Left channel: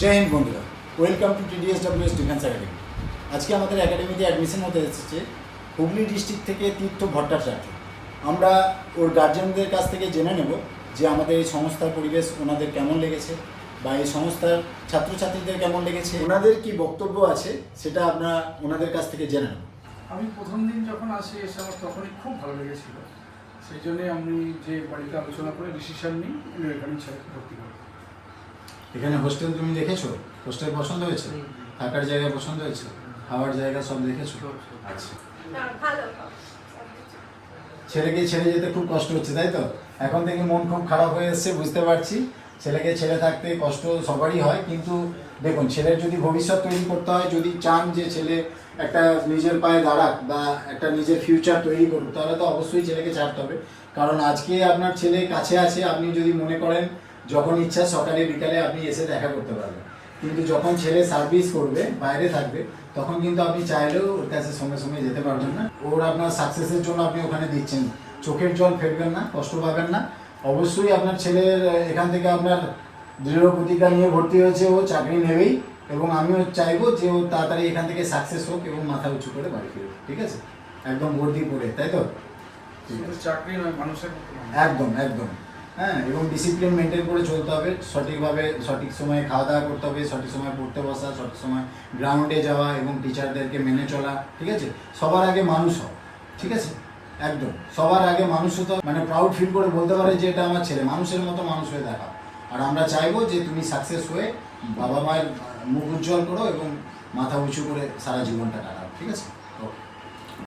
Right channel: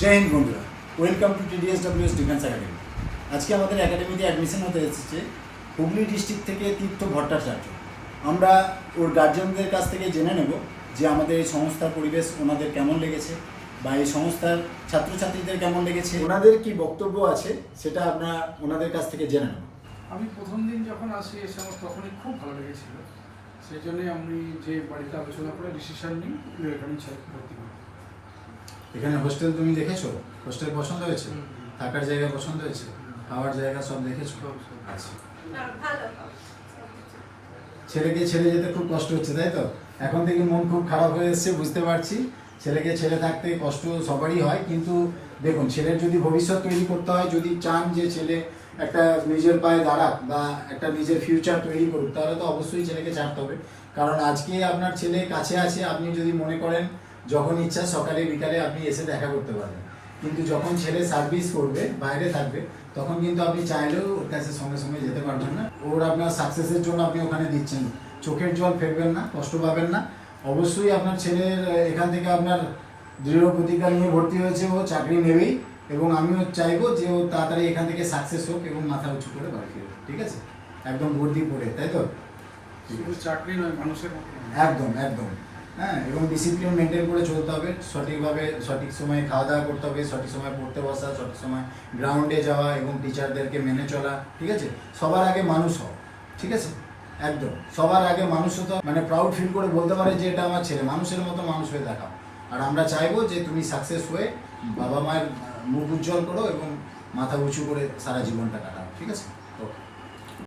জয় হিন্দ বন্ধুরা, welcome to TDSWS defence academy. আজকে আমাদের একাডেমিতে অ্যাডমিশন হতে এসেছে হুগলি ডিস্ট্রিক্ট থেকে তীর্থ ভট্টাচার্য। আমরা ওর গার্জিয়ানদের কাছ থেকে জেনে নেব যে আমাদের এই সংস্থার পরিবেশ ওনাদের কেমন লেগেছে বা এই সংস্থার ছাত্রছাত্রীদের কেমন লেগেছে, ওনাদের কি বক্তব্য আছে সেটা আমরা ওনাদের কাছ থেকে জেনে নেব। আমি প্রথম দিন যখন আসি এসে আমার তখনই খুব ভালো লেগেছিল, সেই জন্যই আমি যে বাড়িতে আলোচনা করে ডিসিশন নিই এখানে ছেলেকে ভর্তি করি। এখানে হোস্টেল তুমি দেখেছো? হোস্টেল পছন্দ হয়েছে? থাকার জায়গা পছন্দ হয়েছে? খাওয়ার জায়গা সব দেখেছো? আচ্ছা, ছেলেকে ছেড়ে যেতে খুব কষ্ট হচ্ছে, তাই তো? এখন থেকে মন খুব খারাপ হয়ে এসছে, বুঝতে পারছি। ছেলেকে ছেড়ে থাকতে কষ্ট সবারই হয়, কিন্তু দেখুন, ছেলের যদি ভবিষ্যৎ তৈরি করতে হয়, যদি চান যে ছেলে একটা নিজের পায়ে দাঁড়াক বা একটা নিজের ফিউচার তৈরি করুক, তাহলে তো অবশ্যই ছেলেকে ছাড়তে হবে। কারণ আজকে আপনার ছেলে কাছে আছে, আপনি যদি মনে করেন যখন ইচ্ছা সকালে বিকালে আপনি এসে দেখা করতে পারবেন, কিন্তু যখন ছেলে সার্ভিস করবে, বাইরে থাকবে, তখন কিন্তু আপনি চাইলেও ওর কাছে সঙ্গে সঙ্গে যেতে পারবেন না। ওর আপনার সাকসেসের জন্য আপনি ওখানে দিচ্ছেন, চোখের জল ফেলবেন না, কষ্ট পাবেন না। অবশ্যই আপনার ছেলের এখান থেকে আপনার দৃঢ় প্রতিজ্ঞা নিয়ে ভর্তি হয়েছে, ও চাকরি নেবেই, এবং আমিও চাইবো যে ও তাড়াতাড়ি এখান থেকে সাকসেস হোক এবং মাথা উঁচু করে বাড়ি ফিরুক। ঠিক আছে? একদম ভর্তি করে, তাই তো? শুধু চাকরি নয়, মানুষের মতো মানুষ। একদম একদম, হ্যাঁ। এবং ডিসিপ্লিন মেনটেন করে চলতে হবে, সঠিকভাবে সঠিক সময়ে খাওয়া দাওয়া করতে হবে, সঠিক সময় পড়তে বসা, সঠিক সময় গ্রাউন্ডে যাওয়া এবং টিচারদেরকে মেনে চলা। ঠিক আছে? সবার আগে মানুষ হও। ঠিক আছে? একদম সবার আগে মানুষ হতে, মানে প্রাউড ফিল করে বলতে পারে যে এটা আমার ছেলে, মানুষের মতো মানুষ হয়ে দেখা। আর আমরা চাইবো যে তুমি সাকসেস হয়ে বাবা মায়ের মুখ উজ্জ্বল করো এবং মাথা উঁচু করে সারা জীবনটা কাটাও। ঠিক আছে?